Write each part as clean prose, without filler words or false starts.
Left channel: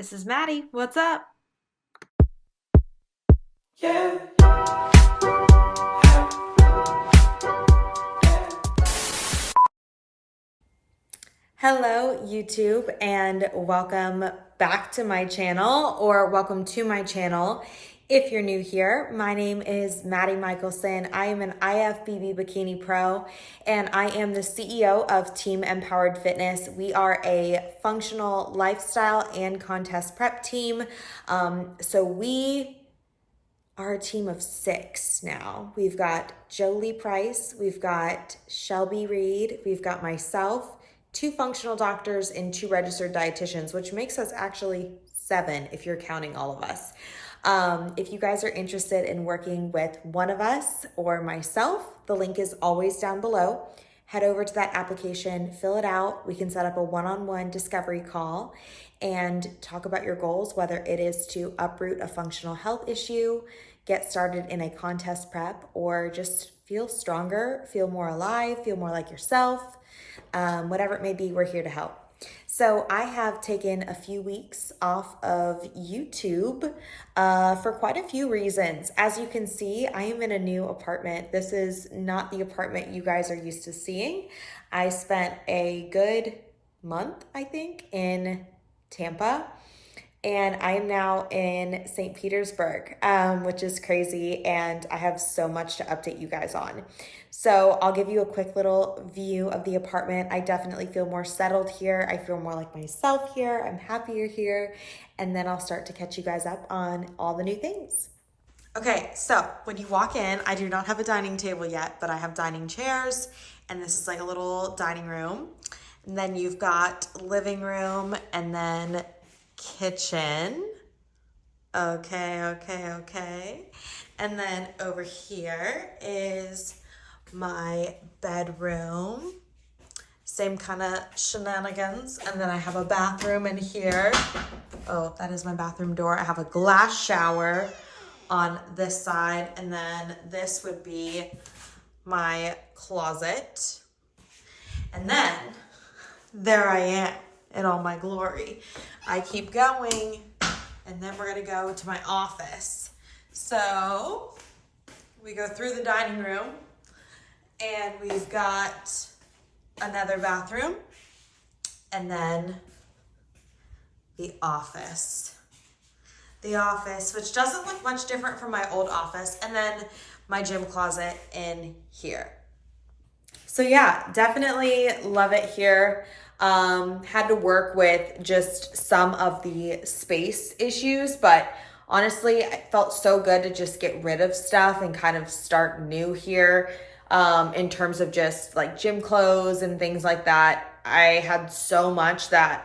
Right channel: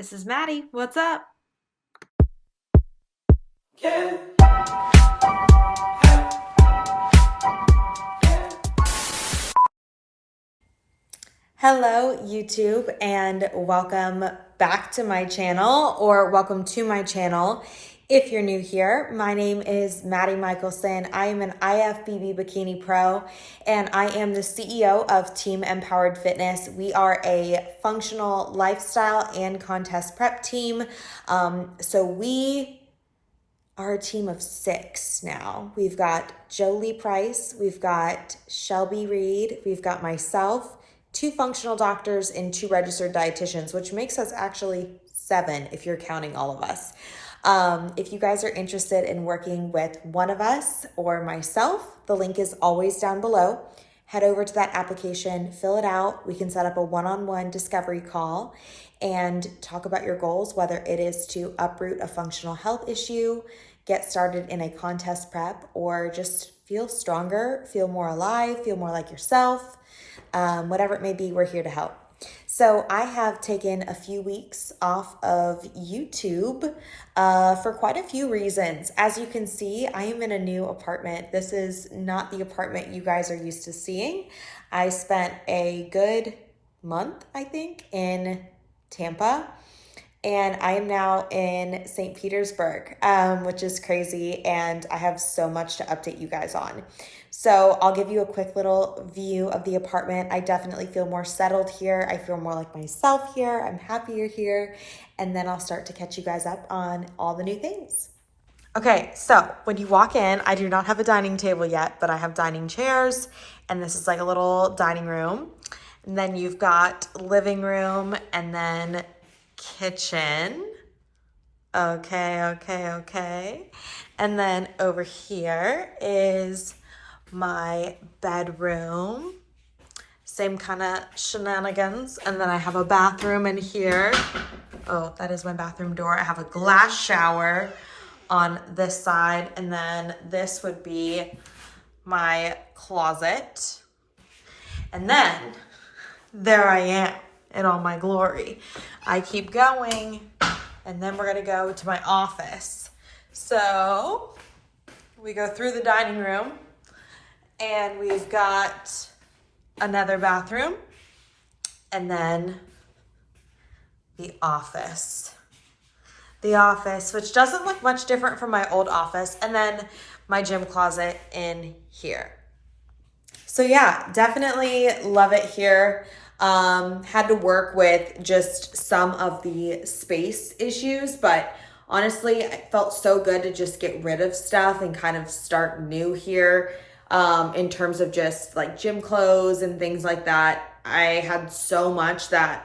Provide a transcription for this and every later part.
this is Maddie. What's up? Yeah. Hello, YouTube, and welcome back to my channel, or welcome to my channel. If you're new here, my name is Maddie Michelson. I am an Ifbb bikini pro, and I am the CEO of Team MPowered Fitness. We are a functional lifestyle and contest prep team. So we are a team of 6 now. We've got Jolie Price, we've got Shelby Reed, we've got myself, 2 functional doctors, and 2 registered dietitians, which makes us actually 7 if you're counting all of us. If you guys are interested in working with one of us or myself, the link is always down below. Head over to that application, fill it out. We can set up a one-on-one discovery call and talk about your goals, whether it is to uproot a functional health issue, get started in a contest prep, or just feel stronger, feel more alive, feel more like yourself. Whatever it may be, we're here to help. So I have taken a few weeks off of YouTube for quite a few reasons. As you can see, I am in a new apartment. This is not the apartment you guys are used to seeing. I spent a good month, I think, in Tampa, and I am now in St. Petersburg, which is crazy, and I have so much to update you guys on. So I'll give you a quick little view of the apartment. I definitely feel more settled here. I feel more like myself here. I'm happier here. And then I'll start to catch you guys up on all the new things. Okay, so when you walk in, I do not have a dining table yet, but I have dining chairs, and this is like a little dining room. And then you've got living room and then kitchen. Okay. And then over here is my bedroom. Same kind of shenanigans. And then I have a bathroom in here. Oh, that is my bathroom door. I have a glass shower on this side. And then this would be my closet. And then there I am in all my glory. I keep going, and then we're gonna go to my office. So we go through the dining room, and we've got another bathroom, and then the office. The office, which doesn't look much different from my old office, and then my gym closet in here. So yeah, definitely love it here. Had to work with just some of the space issues, but honestly, it felt so good to just get rid of stuff and kind of start new here. In terms of just like gym clothes and things like that. I had so much that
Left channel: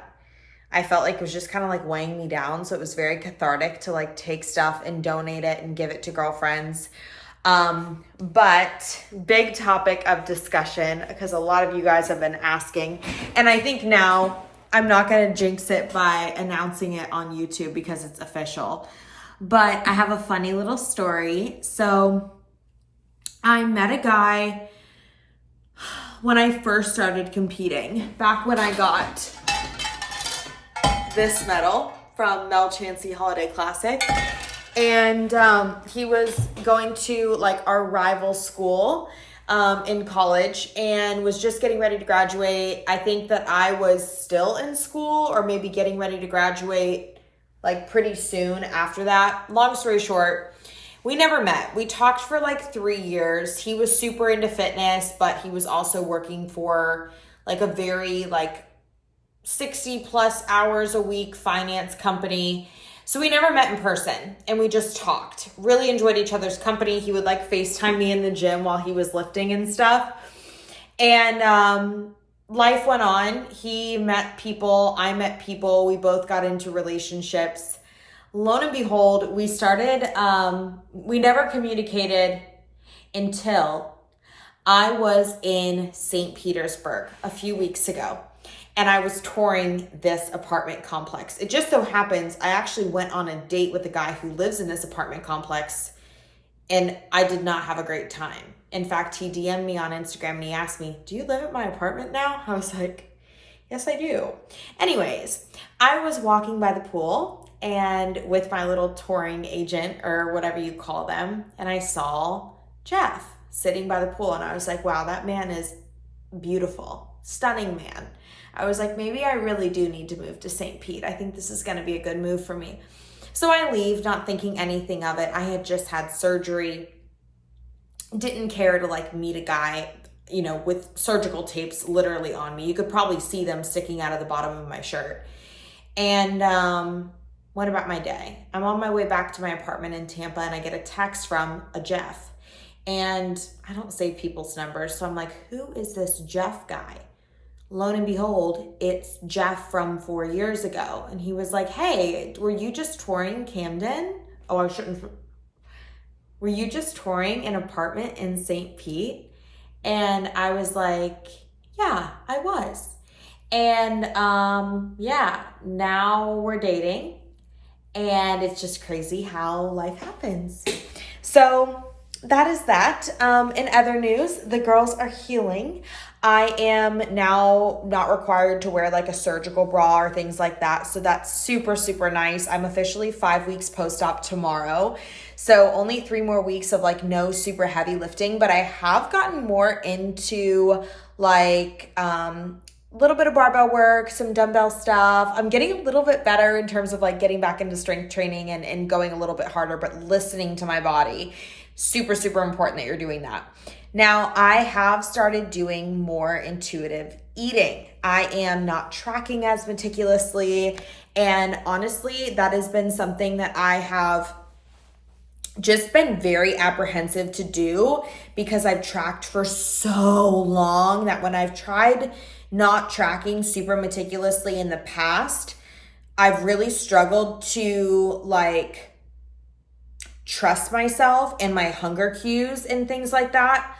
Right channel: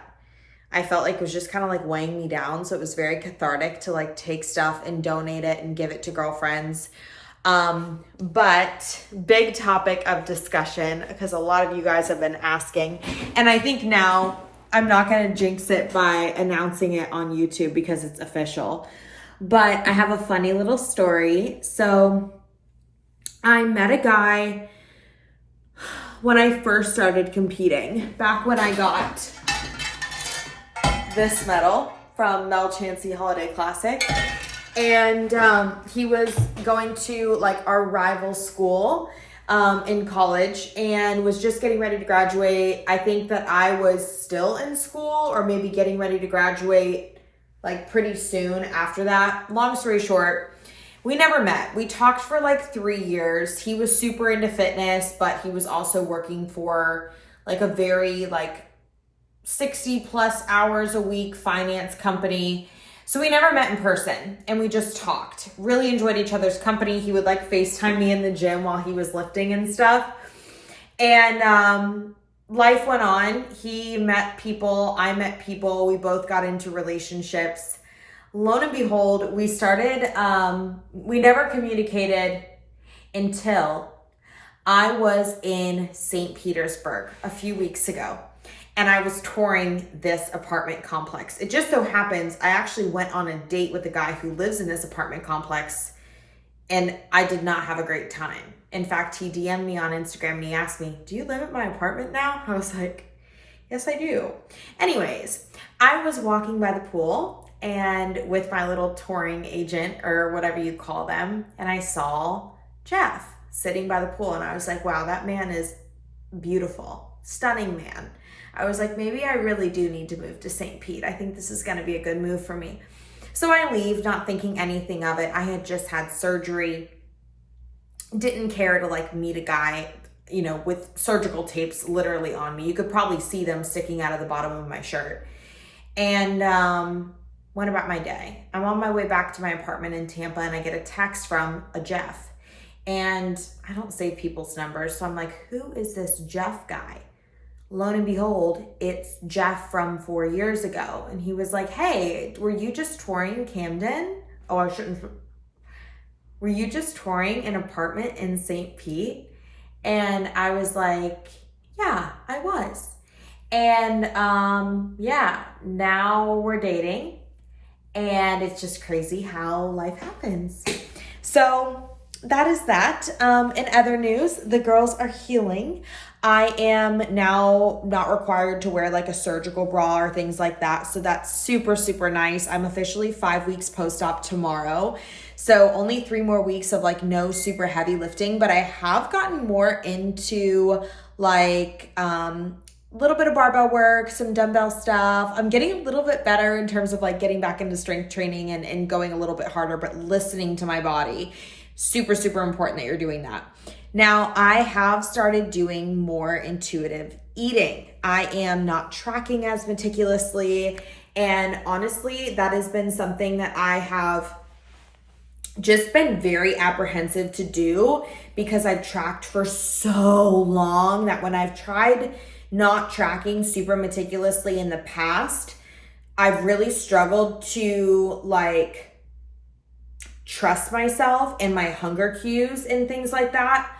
I felt like it was just kind of like weighing me down. So it was very cathartic to like take stuff and donate it and give it to girlfriends. But big topic of discussion, because a lot of you guys have been asking, and I think now I'm not going to jinx it by announcing it on YouTube because it's official, but I have a funny little story. So I met a guy when I first started competing, back when I got this medal from Mel Chansey Holiday Classic. And he was going to like our rival school in college and was just getting ready to graduate. I think that I was still in school or maybe getting ready to graduate like pretty soon after that. Long story short, we never met. We talked for like 3 years. He was super into fitness, but he was also working for like a very like 60 plus hours a week finance company. So we never met in person, and we just talked. Really enjoyed each other's company. He would like FaceTime me in the gym while he was lifting and stuff. And life went on. He met people, I met people. We both got into relationships. Lo and behold, we started, we never communicated until I was in St. Petersburg a few weeks ago. And I was touring this apartment complex. It just so happens I actually went on a date with a guy who lives in this apartment complex, and I did not have a great time. In fact, he DM'd me on Instagram and he asked me, "Do you live at my apartment now?" I was like, "Yes, I do." Anyways, I was walking by the pool and with my little touring agent or whatever you call them, and I saw Jeff sitting by the pool, and I was like, wow, that man is beautiful, stunning man. I was like, maybe I really do need to move to St. Pete. I think this is going to be a good move for me. So I leave, not thinking anything of it. I had just had surgery, didn't care to like meet a guy, you know, with surgical tapes literally on me. You could probably see them sticking out of the bottom of my shirt. And went about my day. I'm on my way back to my apartment in Tampa, and I get a text from a Jeff. And I don't save people's numbers, so I'm like, who is this Jeff guy? Lo and behold, it's Jeff from 4 years ago. And he was like, hey, were you just touring Camden? Oh, I shouldn't. Were you just touring an apartment in St. Pete? And I was like, yeah, I was. And yeah, now we're dating, and it's just crazy how life happens. So that is that. In other news, the girls are healing. I am now not required to wear like a surgical bra or things like that. So that's super, super nice. I'm officially 5 weeks post-op tomorrow. So only 3 more weeks of like no super heavy lifting, but I have gotten more into like, little bit of barbell work, some dumbbell stuff. I'm getting a little bit better in terms of like getting back into strength training and going a little bit harder, but listening to my body. Super, super important that you're doing that. Now, I have started doing more intuitive eating. I am not tracking as meticulously. And honestly, that has been something that I have just been very apprehensive to do because I've tracked for so long that when I've tried not tracking super meticulously in the past, I've really struggled to like trust myself and my hunger cues and things like that.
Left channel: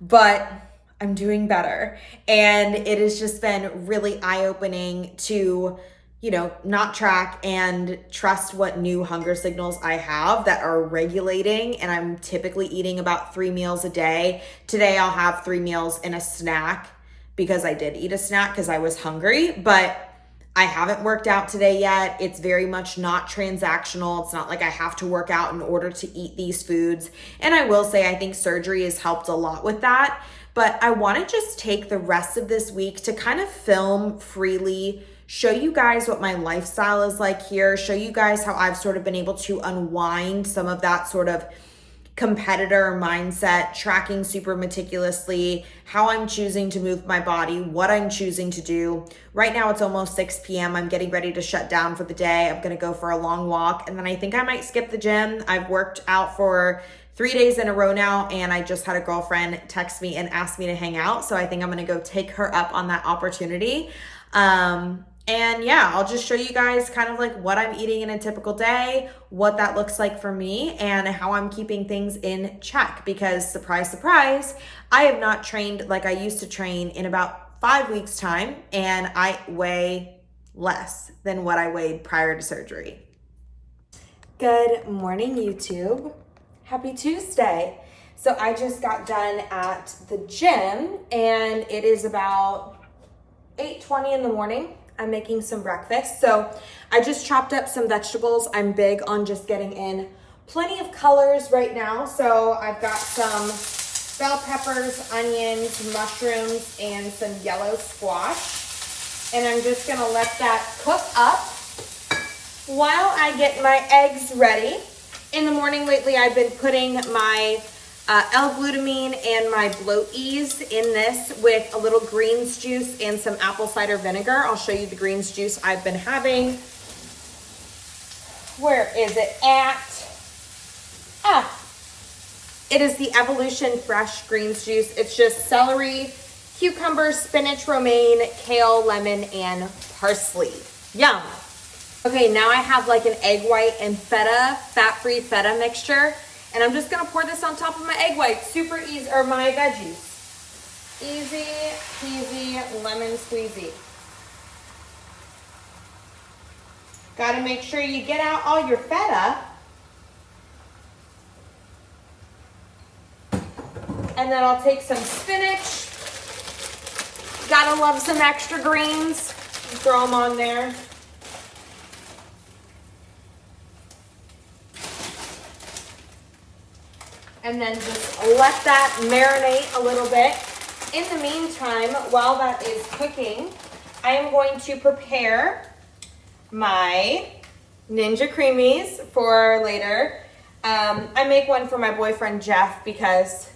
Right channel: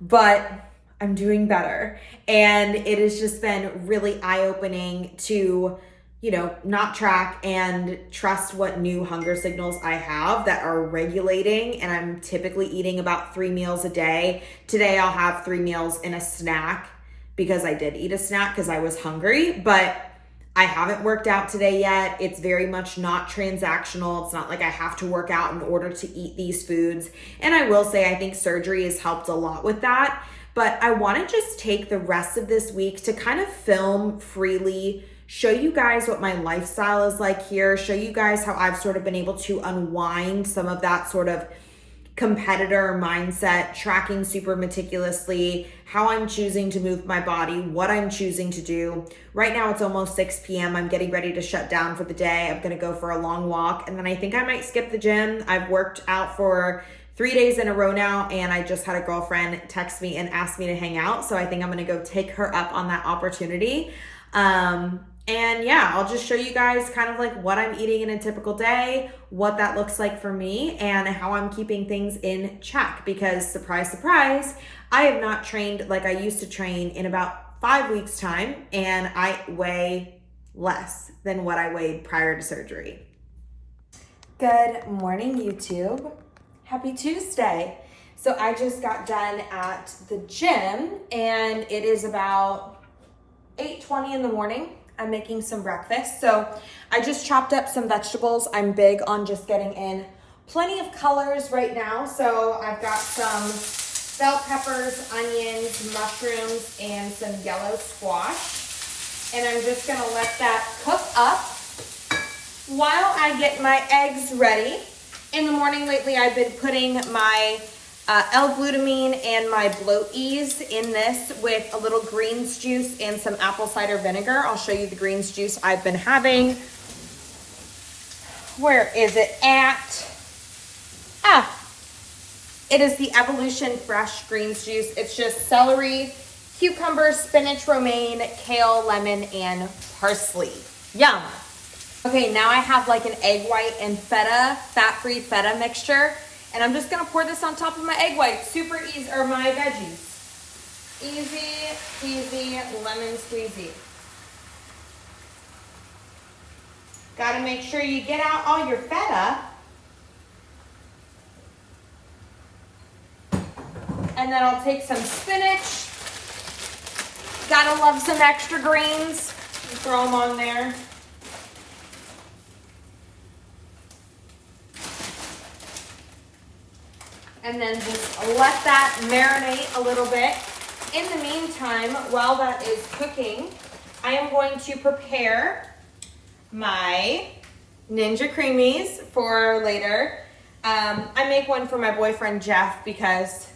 But I'm doing better. And it has just been really eye-opening to, you know, not track and trust what new hunger signals I have that are regulating. And I'm typically eating about 3 meals a day. Today I'll have 3 meals and a snack because I did eat a snack because I was hungry, but I haven't worked out today yet. It's very much not transactional. It's not like I have to work out in order to eat these foods. And I will say, I think surgery has helped a lot with that. But I want to just take the rest of this week to kind of film freely, show you guys what my lifestyle is like here, show you guys how I've sort of been able to unwind some of that sort of competitor mindset, tracking super meticulously, how I'm choosing to move my body, what I'm choosing to do. Right now it's almost 6 p.m. I'm getting ready to shut down for the day. I'm going to go for a long walk, and then I think I might skip the gym. I've worked out for 3 days in a row now, and I just had a girlfriend text me and ask me to hang out. So I think I'm going to go take her up on that opportunity. And yeah, I'll just show you guys kind of like what I'm eating in a typical day, what that looks like for me, and how I'm keeping things in check because surprise, surprise, I have not trained like I used to train in about 5 weeks time, and I weigh less than what I weighed prior to surgery. Good morning, YouTube. Happy Tuesday. So I just got done at the gym and it is about 8:20 in the morning. I'm making some breakfast. So I just chopped up some vegetables. I'm big on just getting in plenty of colors right now. So I've got some bell peppers, onions, mushrooms, and some yellow squash. And I'm just gonna let that cook up while I get my eggs ready. In the morning lately, I've been putting my L-glutamine and my bloat ease in this with a little greens juice and some apple cider vinegar. I'll show you the greens juice I've been having. Where is it at? It is the Evolution Fresh Greens Juice. It's just celery, cucumber, spinach, romaine, kale, lemon, and parsley. Yum. Okay, now I have like an egg white and feta, fat-free feta mixture. And I'm just gonna pour this on top of my egg white, super easy, or my veggies. Easy peasy, lemon squeezy. Gotta make sure you get out all your feta. And then I'll take some spinach. Gotta love some extra greens. Throw them on there. and then just let that marinate a little bit. In the meantime, while that is cooking, I am going to prepare my Ninja Creamies for later. I make one for my boyfriend Jeff because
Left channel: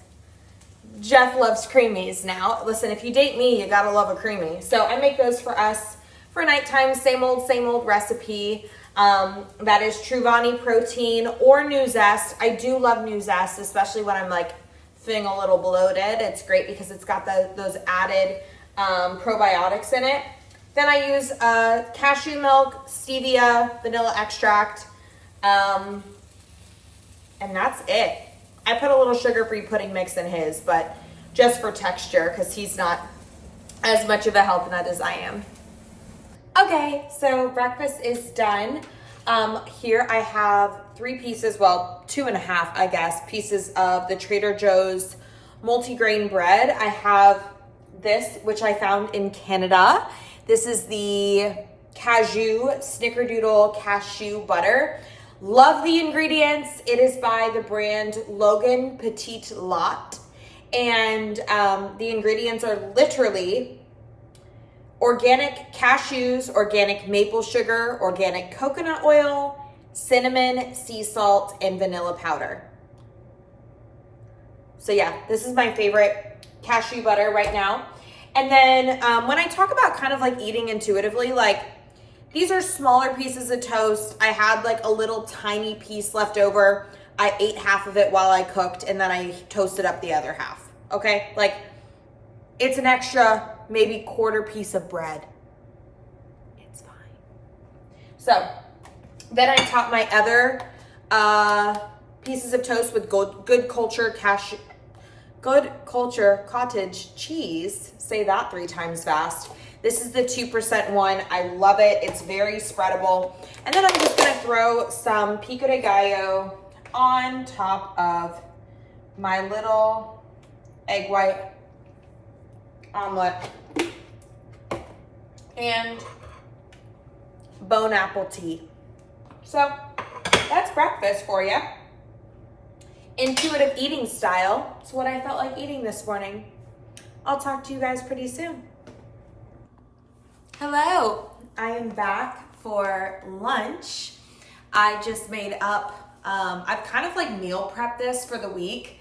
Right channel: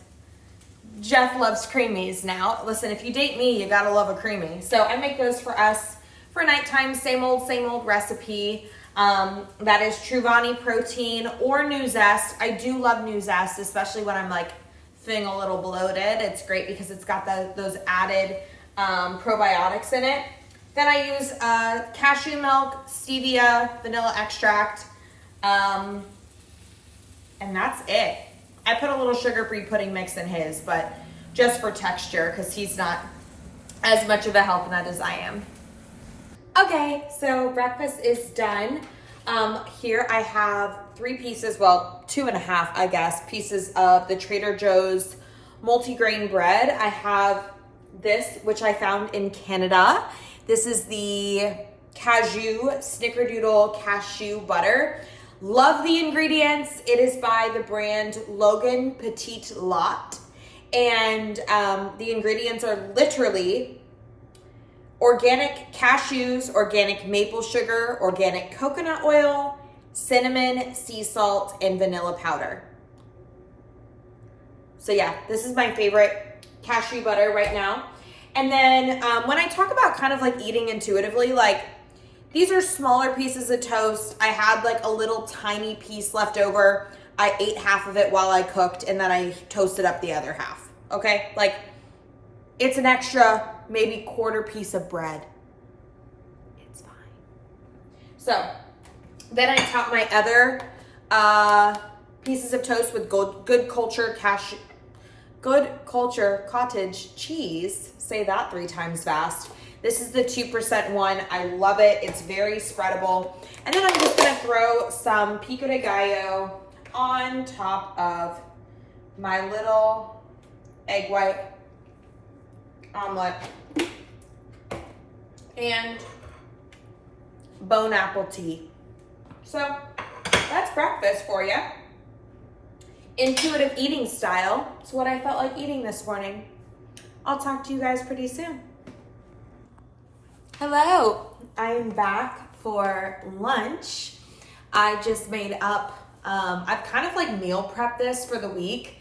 Jeff loves creamies now. Listen, if you date me, you gotta love a creamy. So I make those for us for nighttime, same old recipe. That is Truvani protein or New Zest. I do love New Zest, especially when I'm like feeling a little bloated. It's great because it's got those added probiotics in it. Then I use cashew milk, stevia, vanilla extract, and that's it. I put a little sugar-free pudding mix in his, but just for texture because he's not as much of a health nut as I am. Okay, so breakfast is done. Here I have 3 pieces, well, 2.5, I guess, pieces of the Trader Joe's multigrain bread. I have this, which I found in Canada. This is the cashew snickerdoodle cashew butter. Love the ingredients. It is by the brand Logan Petite Lot. And the ingredients are literally organic cashews, organic maple sugar, organic coconut oil, cinnamon, sea salt, and vanilla powder. So yeah, this is my favorite cashew butter right now. And then when I talk about kind of like eating intuitively, like these are smaller pieces of toast. I had like a little tiny piece left over. I ate half of it while I cooked and then I toasted up the other half. Okay, like it's an extra maybe quarter piece of bread. It's fine. So then I top my other pieces of toast with Good Culture cottage cheese. Say that 3 times fast. This is the 2% one. I love it. It's very spreadable. And then I'm just gonna throw some pico de gallo on top of my little egg white omelet and bone apple tea. So that's breakfast for you. Intuitive eating style. It's what I felt like eating this morning. I'll talk to you guys pretty soon. Hello, I'm back for lunch. I just made up, I've kind of like meal prepped this for the week,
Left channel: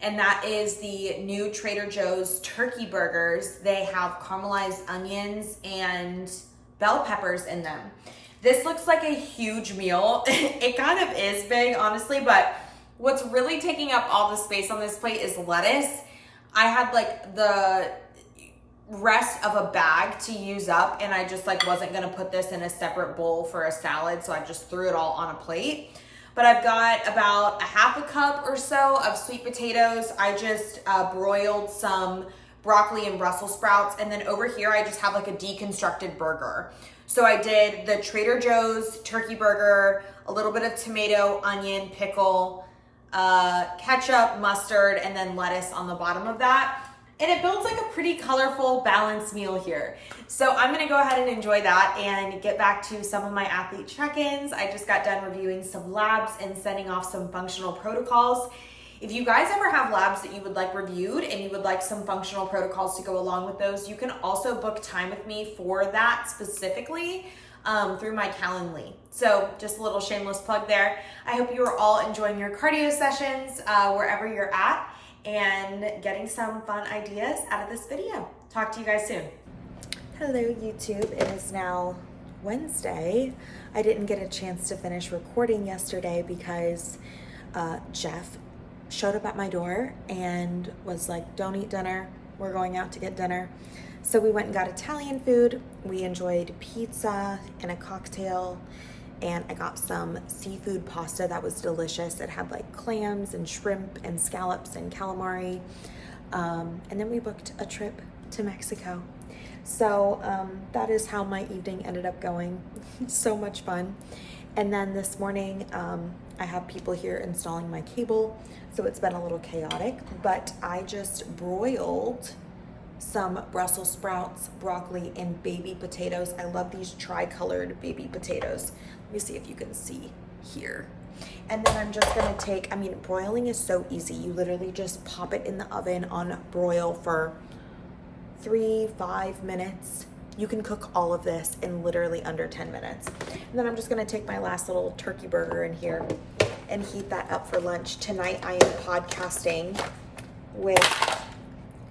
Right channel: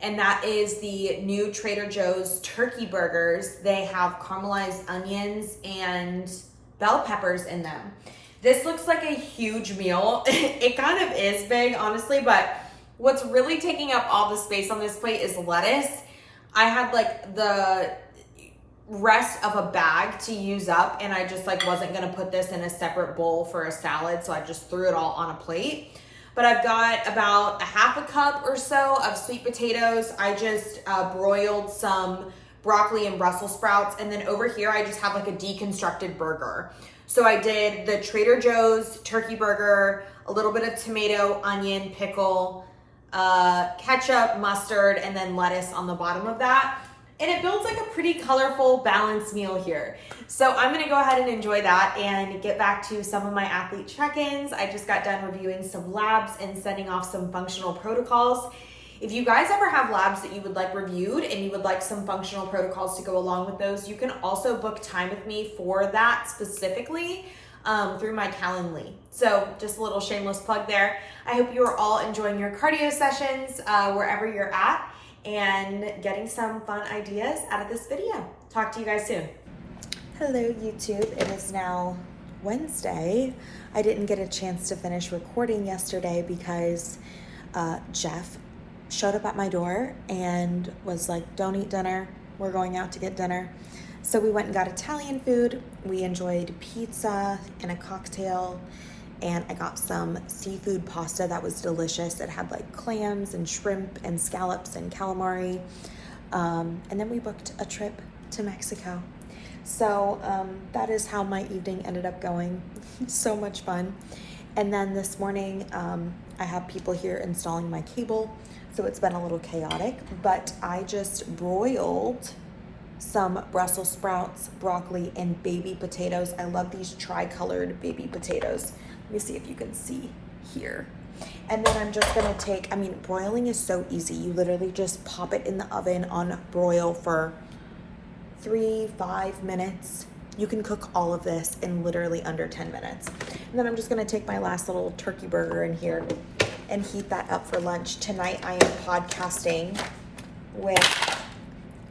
and that is the new Trader Joe's turkey burgers. They have caramelized onions and bell peppers in them. This looks like a huge meal. It kind of is big, honestly, but what's really taking up all the space on this plate is lettuce. I had like the rest of a bag to use up and I just like wasn't gonna put this in a separate bowl for a salad, so I just threw it all on a plate. But I've got about a half a cup or so of sweet potatoes. I just broiled some broccoli and Brussels sprouts, and then over here I just have like a deconstructed burger. So I did the Trader Joe's turkey burger, a little bit of tomato, onion, pickle, ketchup, mustard, and then lettuce on the bottom of that. And it builds like a pretty colorful, balanced meal here. So I'm gonna go ahead and enjoy that and get back to some of my athlete check-ins. I just got done reviewing some labs and sending off some functional protocols. If you guys ever have labs that you would like reviewed and you would like some functional protocols to go along with those, you can also book time with me for that specifically through my Calendly. So just a little shameless plug there. I hope you are all enjoying your cardio sessions wherever you're at and getting some fun ideas out of this video. Talk to you guys soon. Hello YouTube, it is now Wednesday. I didn't get a chance to finish recording yesterday because Jeff showed up at my door and was like, don't eat dinner, we're going out to get dinner. So we went and got Italian food. We enjoyed pizza and a cocktail, and I got some seafood pasta that was delicious. It had like clams and shrimp and scallops and calamari. And then we booked a trip to Mexico. So that is how my evening ended up going. So much fun. And then this morning, I have people here installing my cable, so it's been a little chaotic, but I just broiled some Brussels sprouts, broccoli, and baby potatoes. I love these tri-colored baby potatoes. Let me see if you can see here. And then I'm just gonna take, broiling is so easy. You literally just pop it in the oven on broil for 3-5 minutes. You can cook all of this in literally under 10 minutes. And then I'm just gonna take my last little turkey burger in here and heat that up for lunch. Tonight I am podcasting with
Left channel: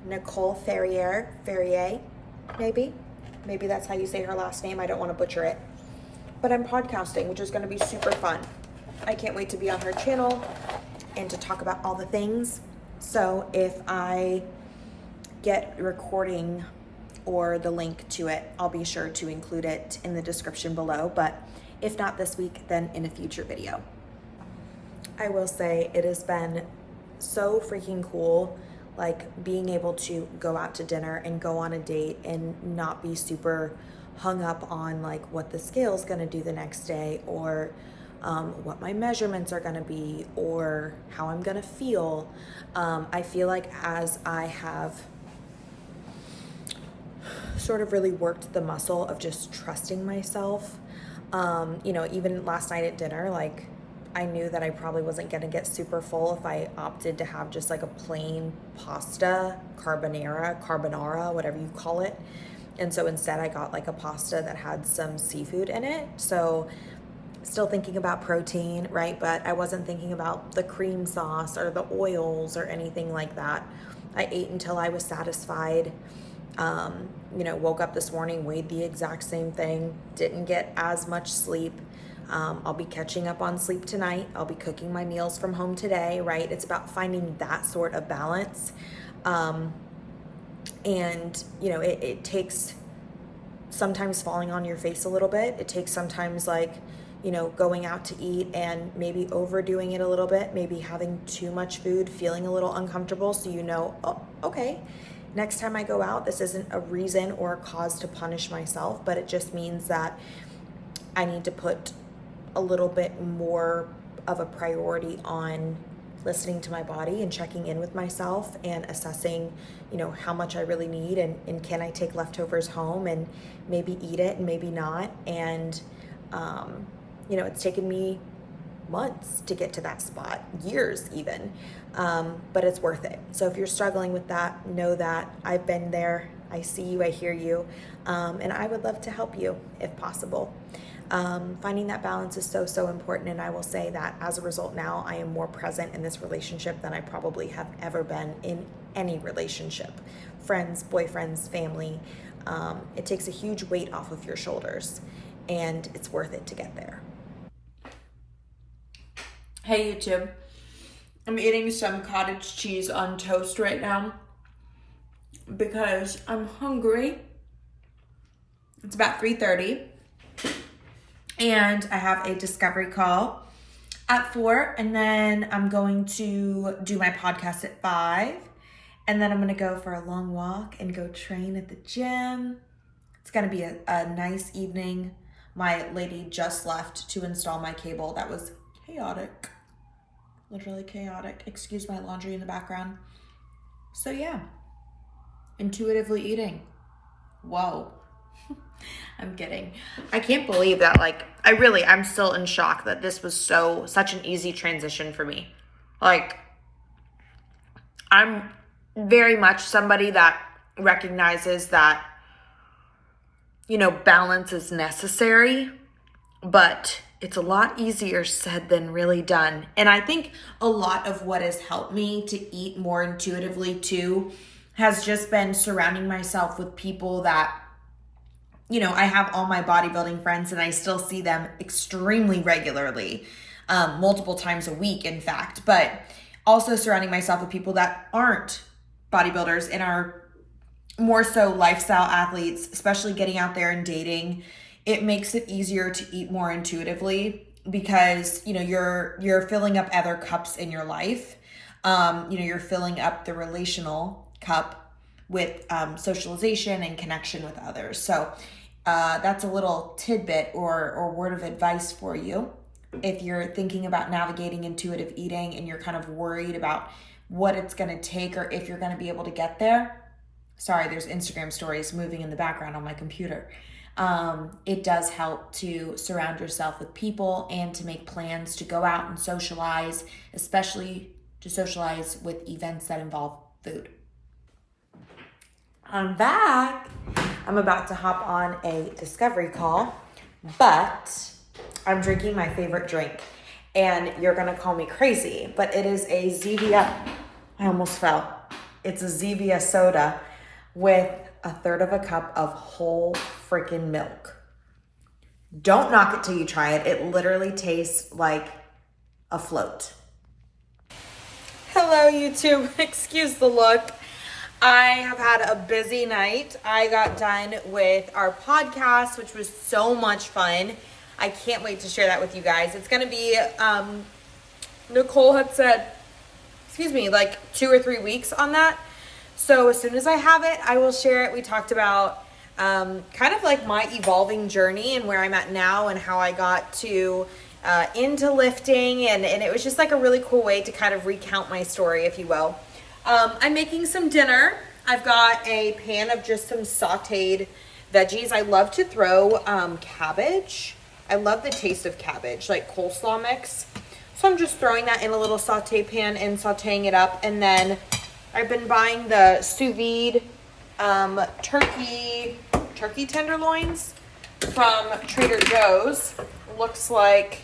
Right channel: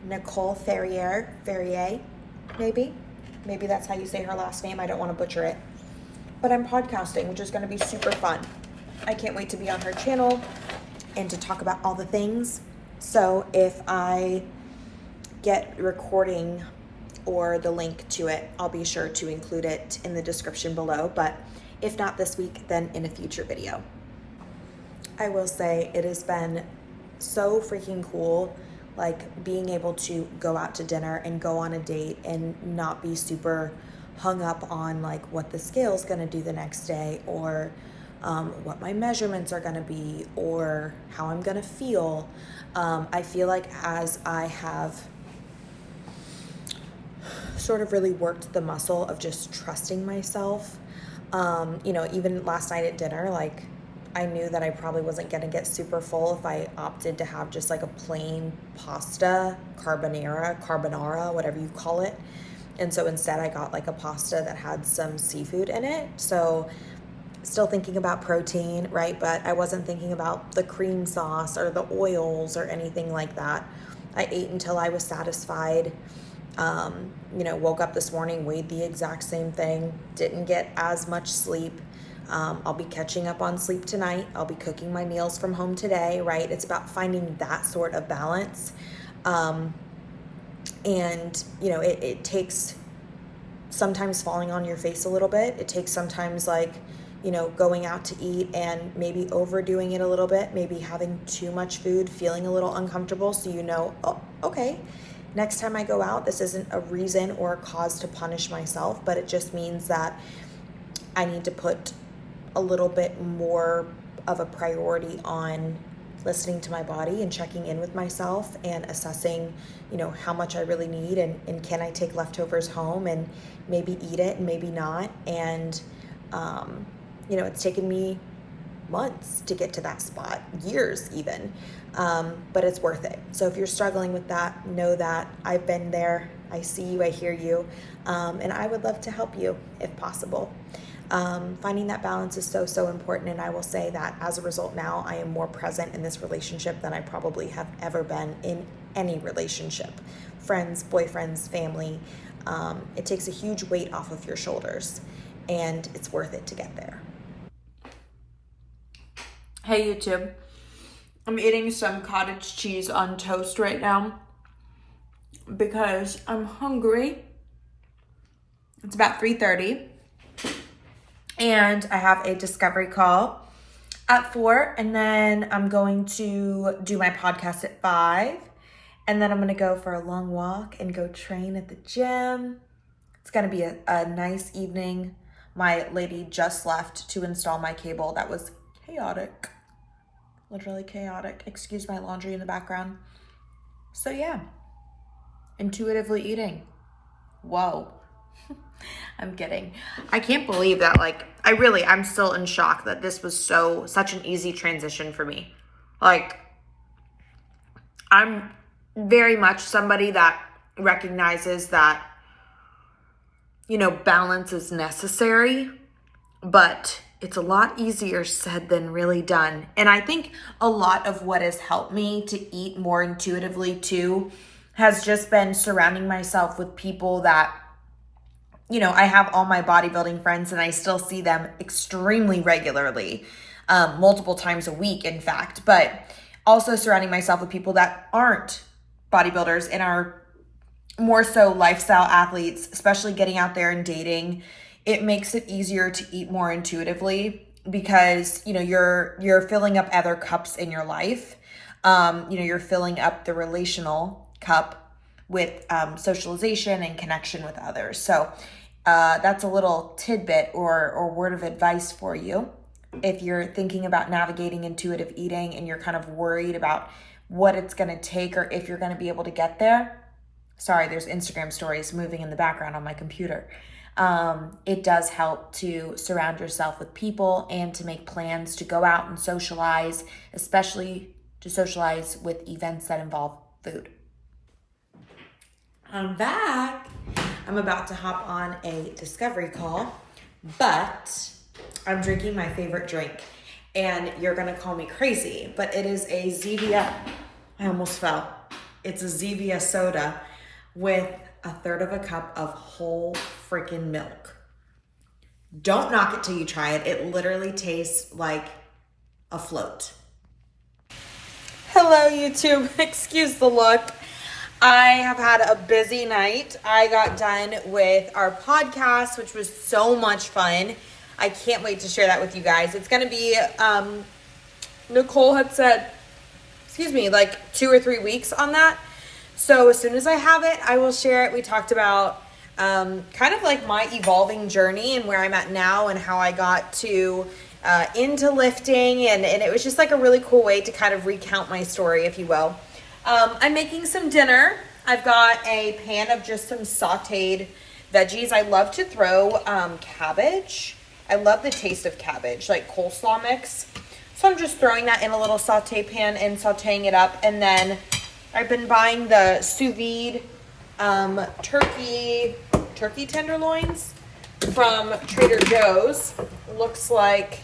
Nicole Ferrier, maybe that's how you say her last name. I don't wanna butcher it. But I'm podcasting, which is gonna be super fun. I can't wait to be on her channel and to talk about all the things. So if I get recording or the link to it, I'll be sure to include it in the description below. But if not this week, then in a future video. I will say it has been so freaking cool, like being able to go out to dinner and go on a date and not be super hung up on like what the scale's gonna do the next day, or what my measurements are gonna be, or how I'm gonna feel. I feel like as I have sort of really worked the muscle of just trusting myself, even last night at dinner, like I knew that I probably wasn't gonna get super full if I opted to have just like a plain pasta, carbonara, whatever you call it. And so instead I got like a pasta that had some seafood in it. So still thinking about protein, right? But I wasn't thinking about the cream sauce or the oils or anything like that. I ate until I was satisfied. Woke up this morning, weighed the exact same thing, didn't get as much sleep. I'll be catching up on sleep tonight. I'll be cooking my meals from home today, right? It's about finding that sort of balance. It takes sometimes falling on your face a little bit. It takes sometimes going out to eat and maybe overdoing it a little bit, maybe having too much food, feeling a little uncomfortable. So, oh, okay, next time I go out, this isn't a reason or a cause to punish myself, but it just means that I need to put a little bit more of a priority on listening to my body and checking in with myself and assessing, how much I really need, and can I take leftovers home and maybe eat it and maybe not. And, it's taken me months to get to that spot, years even, but it's worth it. So if you're struggling with that, know that I've been there. I see you, I hear you, and I would love to help you if possible. Finding that balance is so, so important. And I will say that as a result now, I am more present in this relationship than I probably have ever been in any relationship. Friends, boyfriends, family. It takes a huge weight off of your shoulders, and it's worth it to get there. Hey YouTube, I'm eating some cottage cheese on toast right now because I'm hungry. It's about 3:30. And I have a discovery call at 4, and then I'm going to do my podcast at 5, and then I'm gonna go for a long walk and go train at the gym. It's gonna be a nice evening. My lady just left to install my cable. That was chaotic, literally chaotic. Excuse my laundry in the background. So yeah, intuitively eating. Whoa. I'm kidding. I can't believe that, I'm still in shock that this was such an easy transition for me. I'm very much somebody that recognizes that, balance is necessary, but it's a lot easier said than really done. And I think a lot of what has helped me to eat more intuitively too has just been surrounding myself with people that, I have all my bodybuilding friends and I still see them extremely regularly, multiple times a week, in fact, but also surrounding myself with people that aren't bodybuilders and are more so lifestyle athletes, especially getting out there and dating. It makes it easier to eat more intuitively because, you're filling up other cups in your life. You're filling up the relational cup with socialization and connection with others. So that's a little tidbit or word of advice for you. If you're thinking about navigating intuitive eating and you're kind of worried about what it's going to take or if you're going to be able to get there. Sorry, there's Instagram stories moving in the background on my computer. it does help to surround yourself with people and to make plans to go out and socialize, especially to socialize with events that involve food. I'm back. I'm about to hop on a discovery call, but I'm drinking my favorite drink, and you're gonna call me crazy, but it is a Zevia, I almost fell. It's a Zevia soda with a third of a cup of whole freaking milk. Don't knock it till you try it. It literally tastes like a float. Hello, YouTube. Excuse the look. I have had a busy night. I got done with our podcast, which was so much fun. I can't wait to share that with you guys. It's going to be, Nicole had said, like 2 or 3 weeks on that. So as soon as I have it, I will share it. We talked about kind of like my evolving journey and where I'm at now and how I got to into lifting. And it was just like a really cool way to kind of recount my story, if you will. I'm making some dinner. I've got a pan of just some sauteed veggies. I love to throw cabbage. I love the taste of cabbage, like coleslaw mix. So I'm just throwing that in a little saute pan and sauteing it up. And then I've been buying the sous vide turkey tenderloins from Trader Joe's. Looks like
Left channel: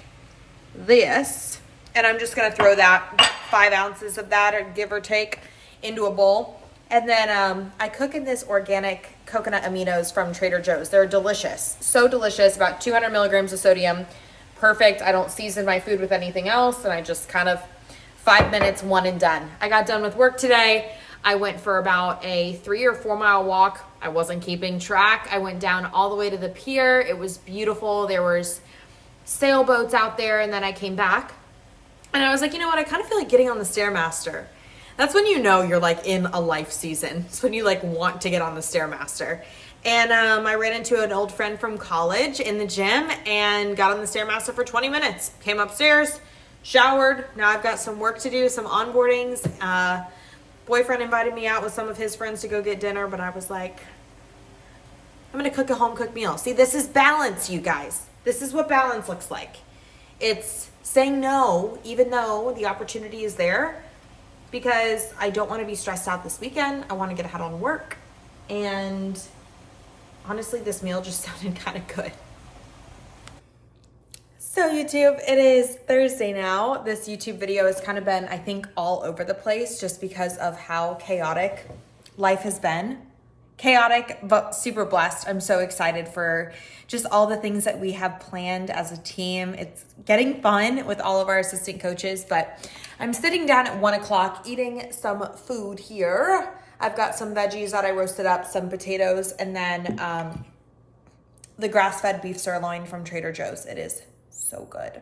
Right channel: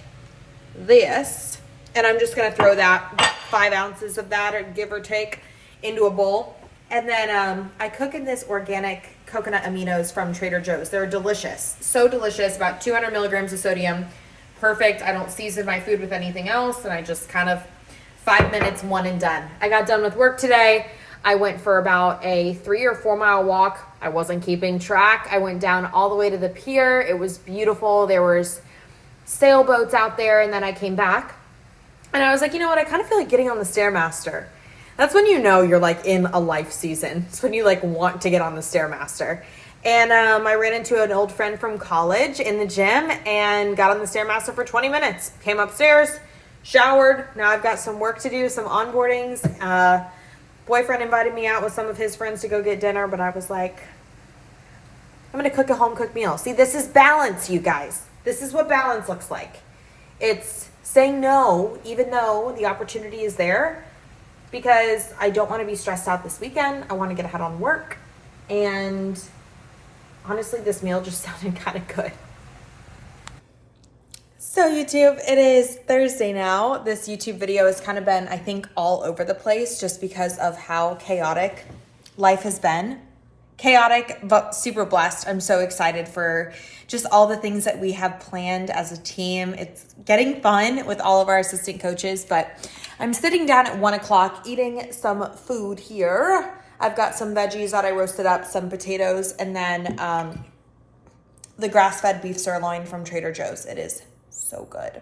this. And I'm just going to throw that 5 ounces of that, or give or take, into a bowl. And then I cook in this organic coconut aminos from Trader Joe's. They're delicious. So delicious. About 200 milligrams of sodium. Perfect. I don't season my food with anything else. And I just kind of 5 minutes, one and done. I got done with work today. I went for about a 3 or 4 mile walk. I wasn't keeping track. I went down all the way to the pier. It was beautiful. There was sailboats out there. And then I came back. And I was like, you know what? I kind of feel like getting on the Stairmaster. That's when you know you're like in a life season. It's when you like want to get on the Stairmaster. And I ran into an old friend from college in the gym and got on the Stairmaster for 20 minutes. Came upstairs, showered. Now I've got some work to do, some onboardings. Boyfriend invited me out with some of his friends to go get dinner, but I was like, I'm going to cook a home-cooked meal. See, this is balance, you guys. This is what balance looks like. It's saying no, even though the opportunity is there, because I don't want to be stressed out this weekend. I want to get ahead on work. And honestly, this meal just sounded kind of good. So YouTube, it is Thursday now. This YouTube video has kind of been, I think, all over the place just because of how chaotic life has been. Chaotic, but super blessed. I'm so excited for just all the things that we have planned as a team. It's getting fun with all of our assistant coaches, but I'm sitting down at 1 o'clock eating some food here. I've got some veggies that I roasted up, some potatoes, and then the grass-fed beef sirloin from Trader Joe's. It is so good.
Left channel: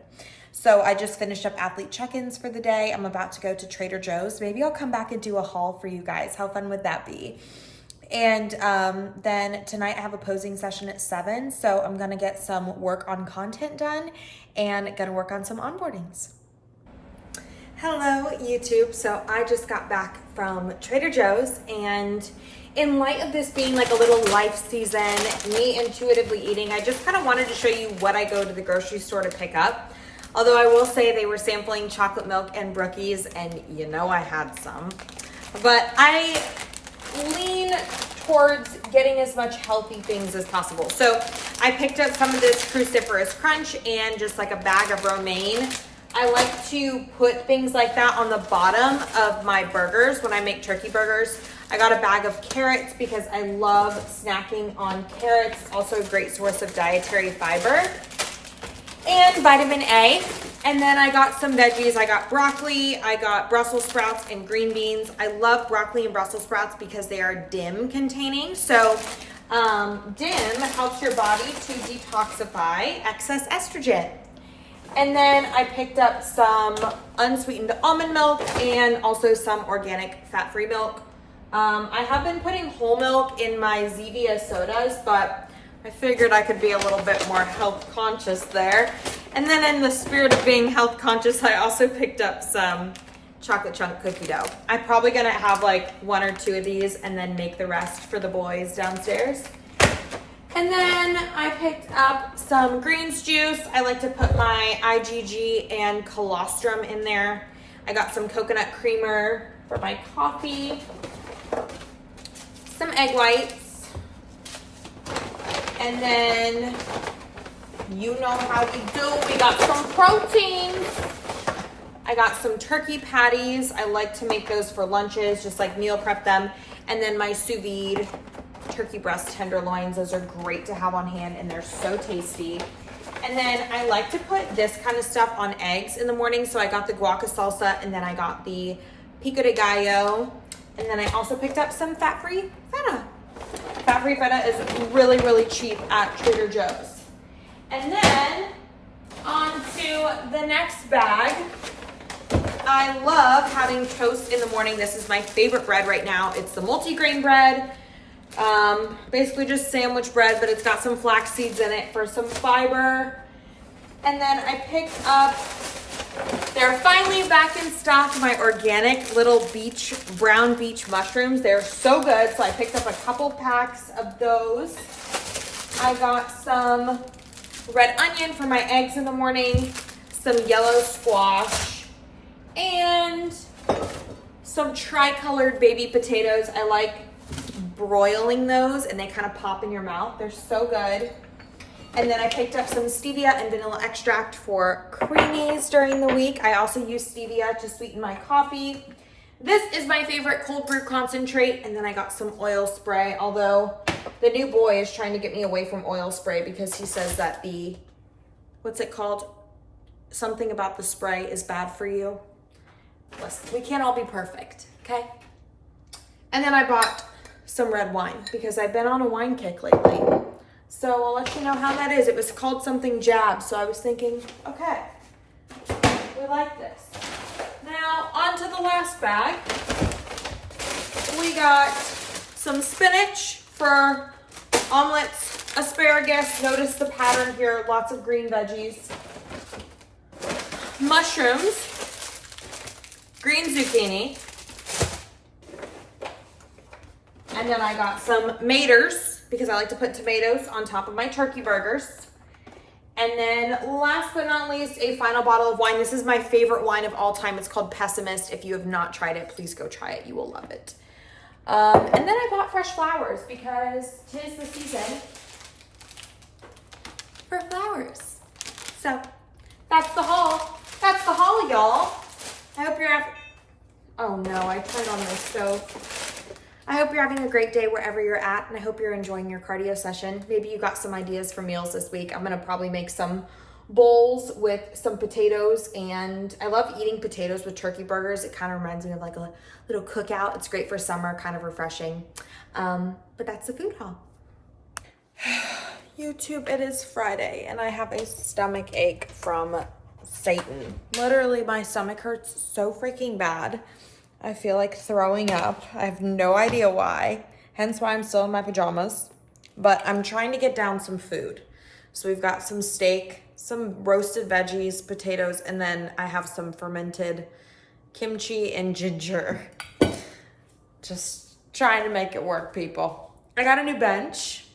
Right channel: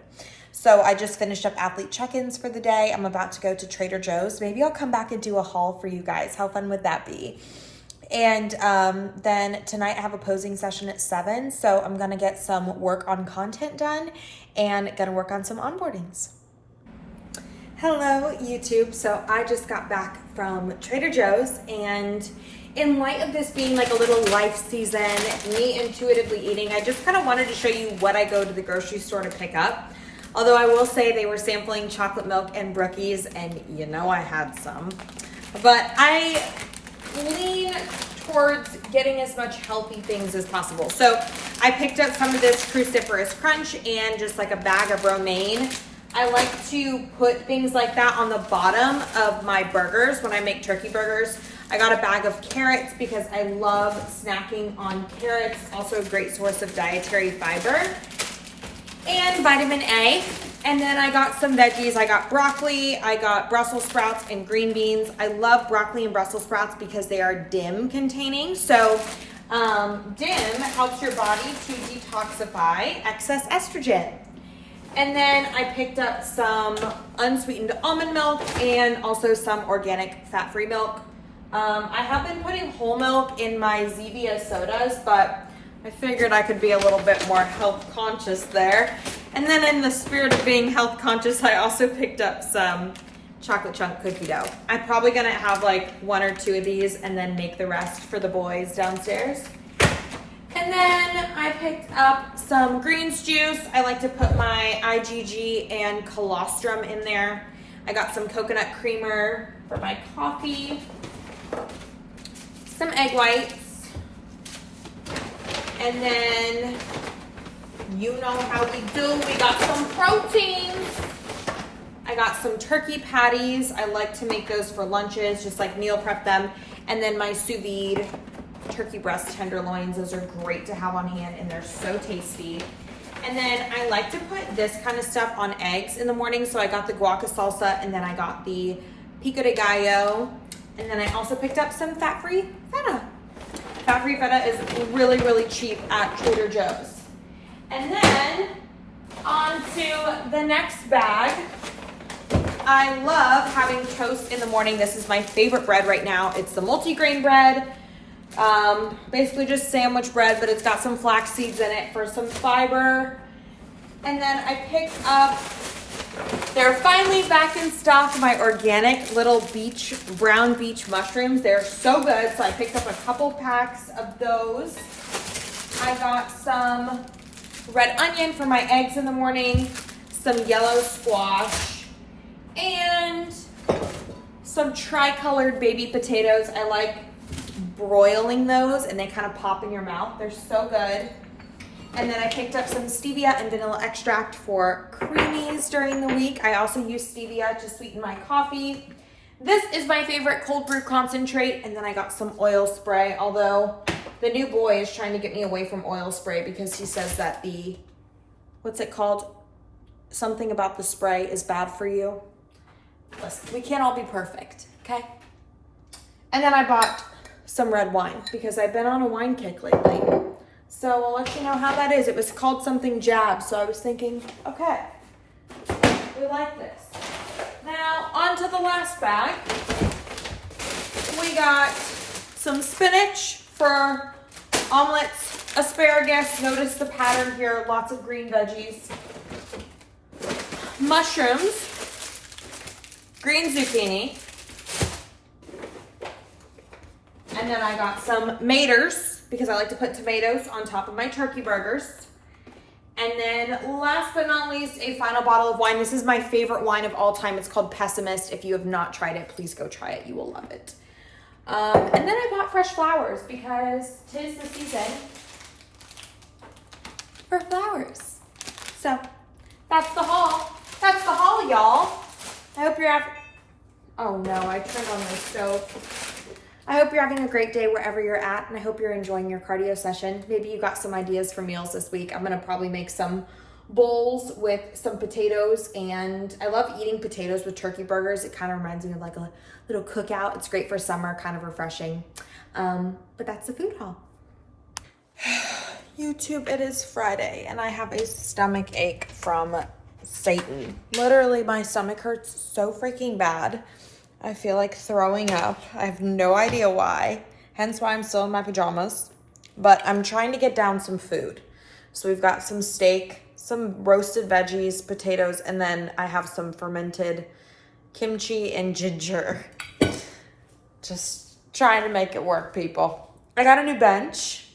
So I just finished up athlete check-ins for the day. I'm about to go to Trader Joe's. Maybe I'll come back and do a haul for you guys. How fun would that be? And then tonight I have a posing session at 7. So I'm going to get some work on content done and going to work on some onboardings. Hello, YouTube. So I just got back from Trader Joe's, and in light of this being like a little life season, me intuitively eating, I just kind of wanted to show you what I go to the grocery store to pick up. Although I will say they were sampling chocolate milk and brookies, and you know I had some. But I lean towards getting as much healthy things as possible. So I picked up some of this cruciferous crunch and just like a bag of romaine. I like to put things like that on the bottom of my burgers when I make turkey burgers. I got a bag of carrots because I love snacking on carrots. Also a great source of dietary fiber. And vitamin A. And then I got some veggies. I got broccoli, I got Brussels sprouts and green beans. I love broccoli and Brussels sprouts because they are DIM containing. So DIM helps your body to detoxify excess estrogen. And then I picked up some unsweetened almond milk and also some organic fat-free milk. I have been putting whole milk in my Zevia sodas, but I figured I could be a little bit more health conscious there. And then in the spirit of being health conscious, I also picked up some chocolate chunk cookie dough. I'm probably gonna have like 1 or 2 of these and then make the rest for the boys downstairs. And then I picked up some greens juice. I like to put my IgG and colostrum in there. I got some coconut creamer for my coffee, some egg whites, and then you know how we do. We got some proteins. I got some turkey patties. I like to make those for lunches, just like meal prep them. And then my sous vide turkey breast tenderloins. Those are great to have on hand and they're so tasty. And then I like to put this kind of stuff on eggs in the morning. So I got the guaca salsa and then I got the pico de gallo. And then I also picked up some fat-free feta. Fat-free feta is really, really cheap at Trader Joe's. And then on to the next bag. I love having toast in the morning. This is my favorite bread right now. It's the multi-grain bread. Basically just sandwich bread, but it's got some flax seeds in it for some fiber. And then I picked up, they're finally back in stock, my organic little brown beach mushrooms. They're so good. So I picked up a couple packs of those. I got some red onion for my eggs in the morning, some yellow squash, and some tri-colored baby potatoes. I like broiling those and they kind of pop in your mouth. They're so good. And then I picked up some stevia and vanilla extract for creamies during the week. I also use stevia to sweeten my coffee. This is my favorite cold brew concentrate. And then I got some oil spray, although the new boy is trying to get me away from oil spray because he says that what's it called? Something about the spray is bad for you. Listen, we can't all be perfect, okay? And then I bought some red wine because I've been on a wine kick lately. So I'll let you know how that is. It was called something Jab. So I was thinking, okay, we like this. Now on to the last bag. We got some spinach for omelets, asparagus. Notice the pattern here, lots of green veggies. Mushrooms, green zucchini. And then I got some maters because I like to put tomatoes on top of my turkey burgers. And then last but not least, a final bottle of wine. This is my favorite wine of all time. It's called Pessimist. If you have not tried it, please go try it. You will love it. And then I bought fresh flowers because 'tis the season for flowers. So that's the haul. That's the haul, y'all. I hope you're having, oh no, I turned on the stove. I hope you're having a great day wherever you're at, and I hope you're enjoying your cardio session. Maybe you got some ideas for meals this week. I'm gonna probably make some bowls with some potatoes, and I love eating potatoes with turkey burgers. It kind of reminds me of like a little cookout. It's great for summer, kind of refreshing. But that's the food haul. YouTube, it is Friday, and I have a stomach ache from Satan. Literally, my stomach hurts so freaking bad. I feel like throwing up. I have no idea why, hence why I'm still in my pajamas. But I'm trying to get down some food. So we've got some steak, some roasted veggies, potatoes, and then I have some fermented kimchi and ginger. Just trying to make it work, people. I got a new bench.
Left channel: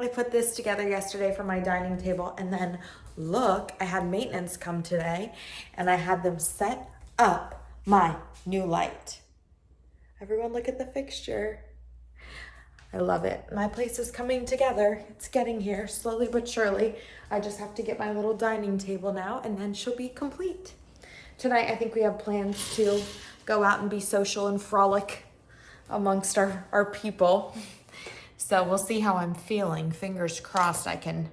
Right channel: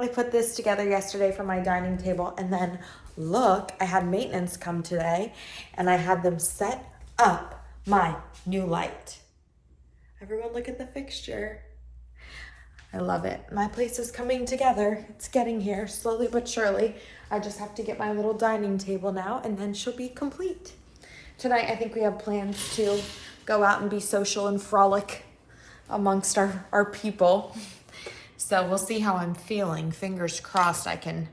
I put this together yesterday for my dining table, and then look, I had maintenance come today, and I had them set up my new light. Everyone look at the fixture. I love it. My place is coming together. It's getting here slowly but surely. I just have to get my little dining table now and then she'll be complete. Tonight, I think we have plans to go out and be social and frolic amongst our people. So we'll see how I'm feeling. Fingers crossed I can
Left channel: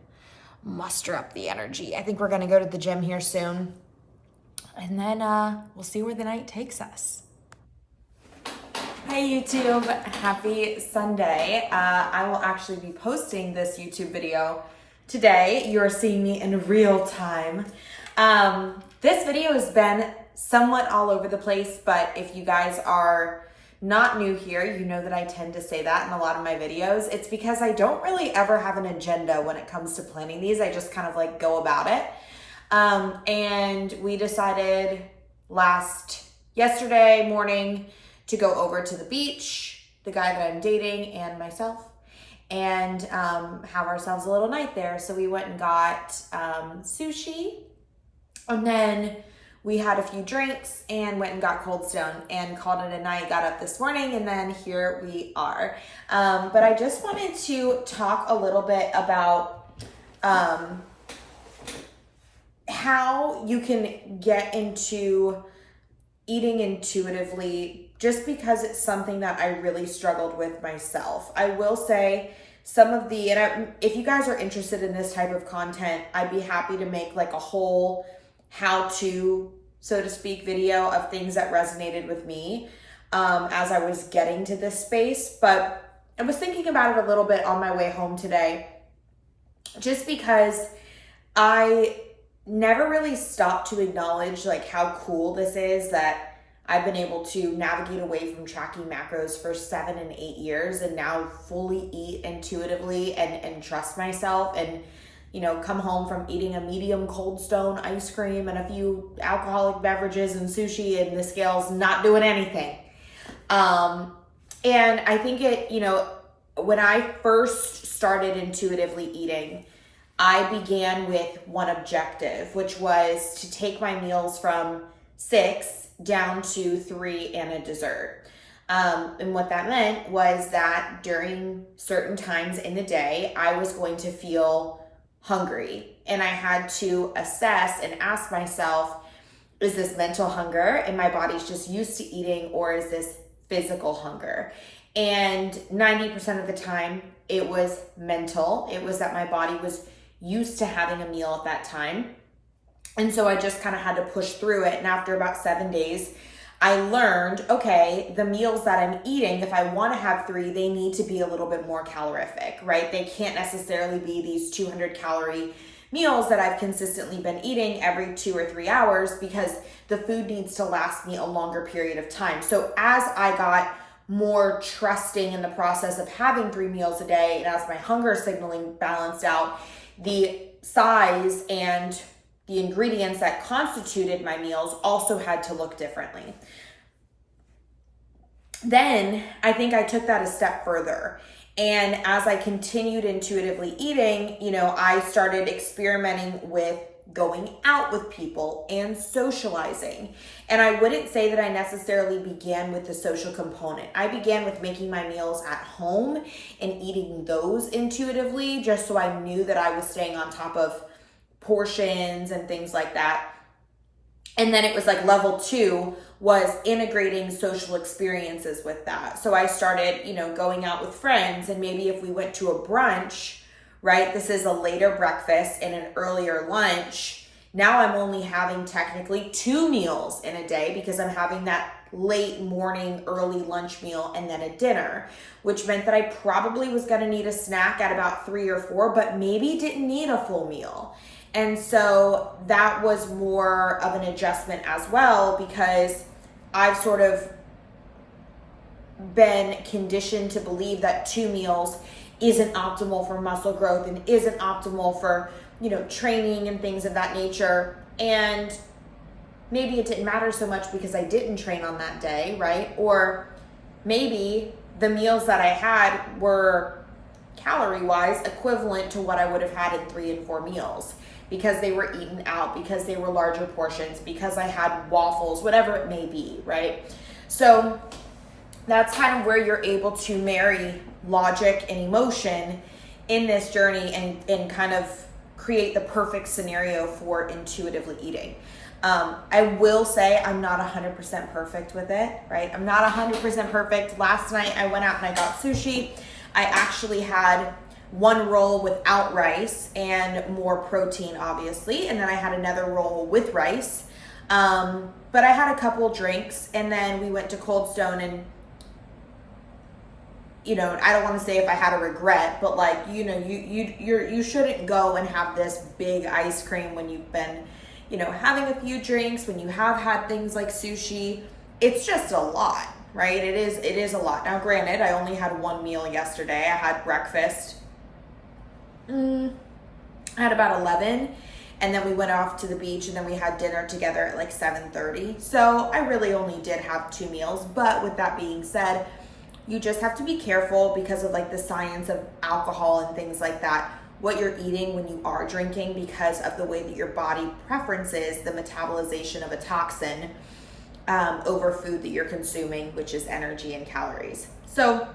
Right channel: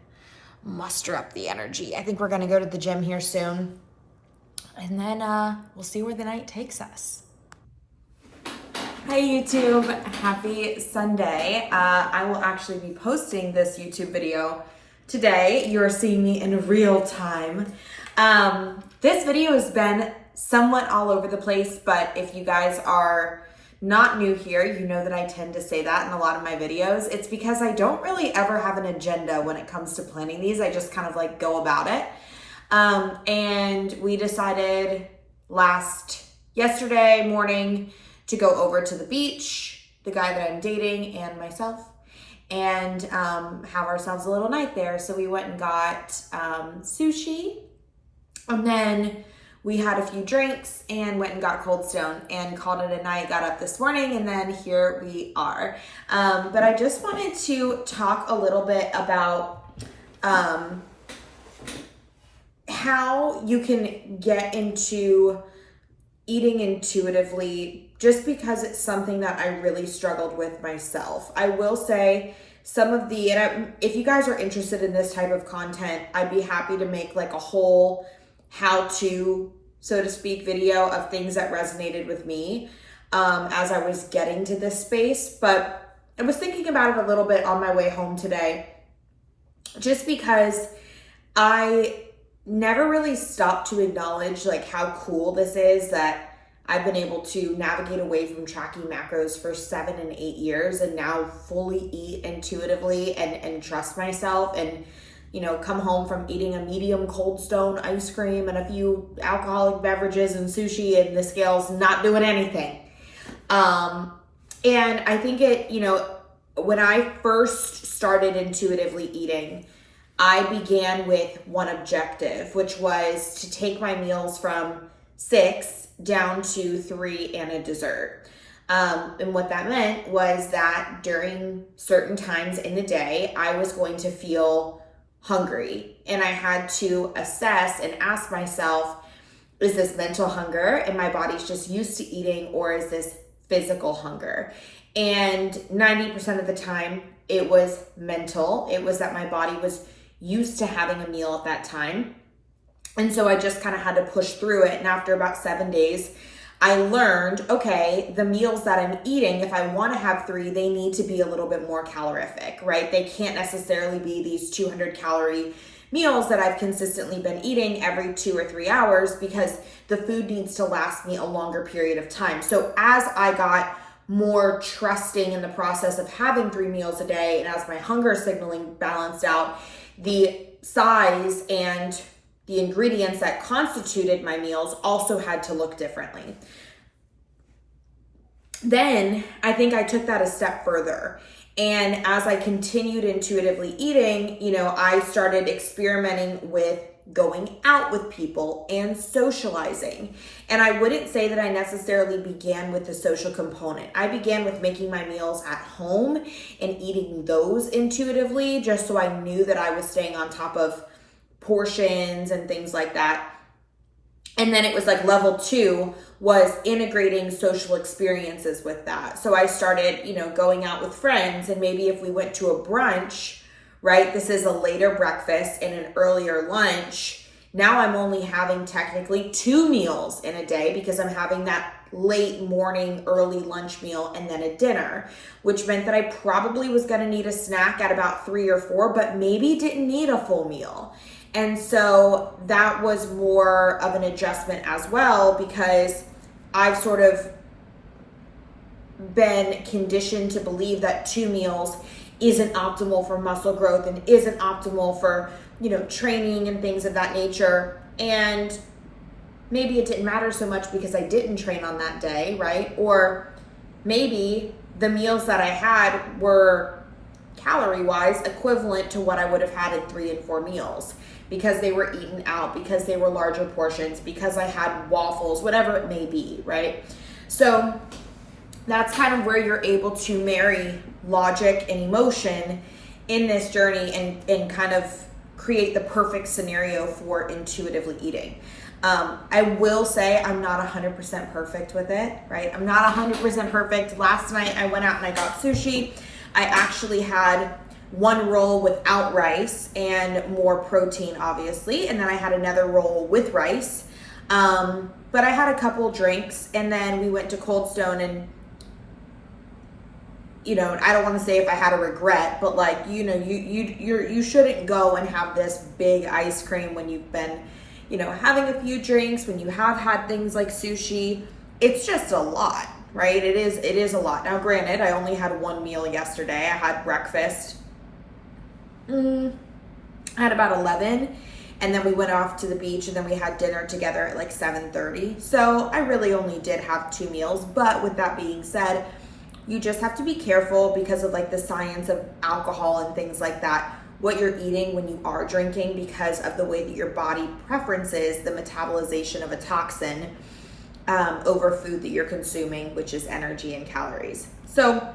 muster up the energy. I think we're gonna go to the gym here soon. And then we'll see where the night takes us. Hey YouTube, happy Sunday. I will actually be posting this YouTube video today. You're seeing me in real time. This video has been somewhat all over the place, but if you guys are not new here, you know that I tend to say that in a lot of my videos. It's because I don't really ever have an agenda when it comes to planning these. I just kind of like go about it. And we decided yesterday morning to go over to the beach, the guy that I'm dating and myself. and have ourselves a little night there. So we went and got sushi, and then we had a few drinks and went and got Cold Stone and called it a night. Got up this morning, and then here we are. But I just wanted to talk a little bit about how you can get into eating intuitively, just because it's something that I really struggled with myself. I will say some of the, if you guys are interested in this type of content, I'd be happy to make like a whole how-to, so to speak, video of things that resonated with me as I was getting to this space. But I was thinking about it a little bit on my way home today, just because I never really stopped to acknowledge like how cool this is that I've been able to navigate away from tracking macros for 7 and 8 years and now fully eat intuitively and trust myself, and you know, come home from eating a medium Cold Stone ice cream and a few alcoholic beverages and sushi, and the scale's not doing anything. And I think it, you know, when I first started intuitively eating, I began with one objective, which was to take my meals from 6 down to 3 and a dessert. And what that meant was that during certain times in the day, I was going to feel hungry, and I had to assess and ask myself, is this mental hunger and my body's just used to eating, or is this physical hunger? And 90% of the time it was mental. It was that my body was used to having a meal at that time. And so I just kind of had to push through it. And after about 7 days, I learned, okay, the meals that I'm eating, if I want to have 3, they need to be a little bit more calorific, right? They can't necessarily be these 200 calorie meals that I've consistently been eating every 2 or 3 hours, because the food needs to last me a longer period of time. So as I got more trusting in the process of having 3 meals a day, and as my hunger signaling balanced out, the size and the ingredients that constituted my meals also had to look differently. Then I think I took that a step further. And as I continued intuitively eating, you know, I started experimenting with going out with people and socializing. And I wouldn't say that I necessarily began with the social component. I began with making my meals at home and eating those intuitively, just so I knew that I was staying on top of portions and things like that. And then it was like level 2 was integrating social experiences with that. So I started, you know, going out with friends, and maybe if we went to a brunch, right? This is a later breakfast and an earlier lunch. Now I'm only having technically 2 meals in a day, because I'm having that late morning, early lunch meal and then a dinner, which meant that I probably was going to need a snack at about 3 or 4, but maybe didn't need a full meal. And so that was more of an adjustment as well, because I've sort of been conditioned to believe that 2 meals isn't optimal for muscle growth and isn't optimal for, you know, training and things of that nature. And maybe it didn't matter so much because I didn't train on that day, right? Or maybe the meals that I had were calorie-wise equivalent to what I would have had in 3 and 4 meals, because they were eaten out, because they were larger portions, because I had waffles, whatever it may be, right? So that's kind of where you're able to marry logic and emotion in this journey and kind of create the perfect scenario for intuitively eating. I will say I'm not 100% perfect with it, right? I'm not 100% perfect. Last night I went out and I got sushi. I actually had 1 roll without rice and more protein, obviously. And then I had another roll with rice. But I had a couple drinks, and then we went to Cold Stone, and you know, I don't want to say if I had a regret, but like, you know, you shouldn't go and have this big ice cream when you've been, you know, having a few drinks, when you have had things like sushi. It's just a lot, right? It is a lot. Now, granted, I only had 1 meal yesterday. I had breakfast. I had about 11, and then we went off to the beach, and then we had dinner together at like 7:30. So I really only did have 2 meals. But with that being said, You just have to be careful because of like the science of alcohol and things like that, what you're eating when you are drinking, because of the way that your body preferences the metabolization of a toxin over food that you're consuming, which is energy and calories. So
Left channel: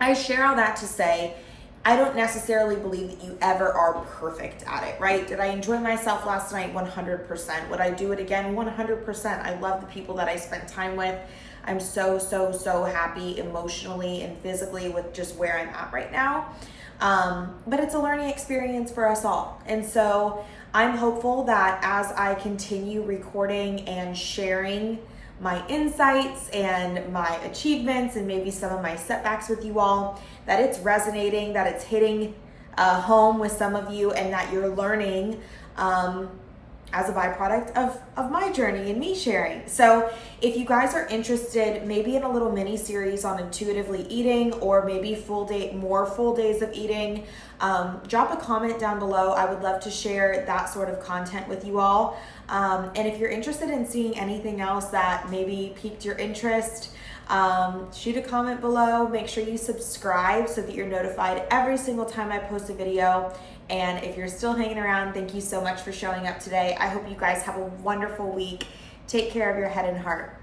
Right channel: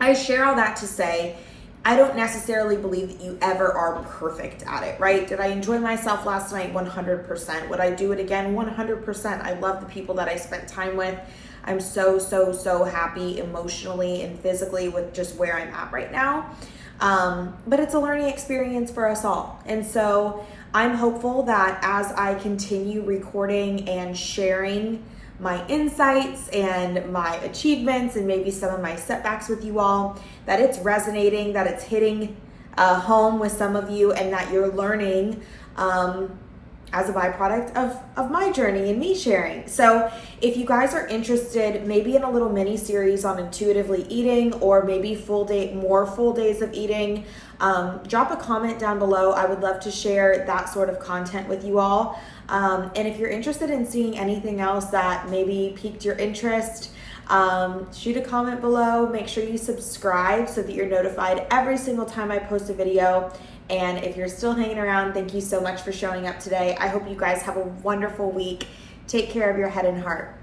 I share all that to say, I don't necessarily believe that you ever are perfect at it, right? Did I enjoy myself last night? 100%. Would I do it again? 100%. I love the people that I spent time with. I'm so, so, so happy emotionally and physically with just where I'm at right now. But it's a learning experience for us all. And so I'm hopeful that as I continue recording and sharing my insights and my achievements and maybe some of my setbacks with you all, that it's resonating, that it's hitting home with some of you, and that you're learning as a byproduct of my journey and me sharing. So if you guys are interested maybe in a little mini series on intuitively eating, or maybe more full days of eating, drop a comment down below. I would love to share that sort of content with you all. And if you're interested in seeing anything else that maybe piqued your interest, shoot a comment below. Make sure you subscribe so that you're notified every single time I post a video. And if you're still hanging around, thank you so much for showing up today. I hope you guys have a wonderful week. Take care of your head and heart.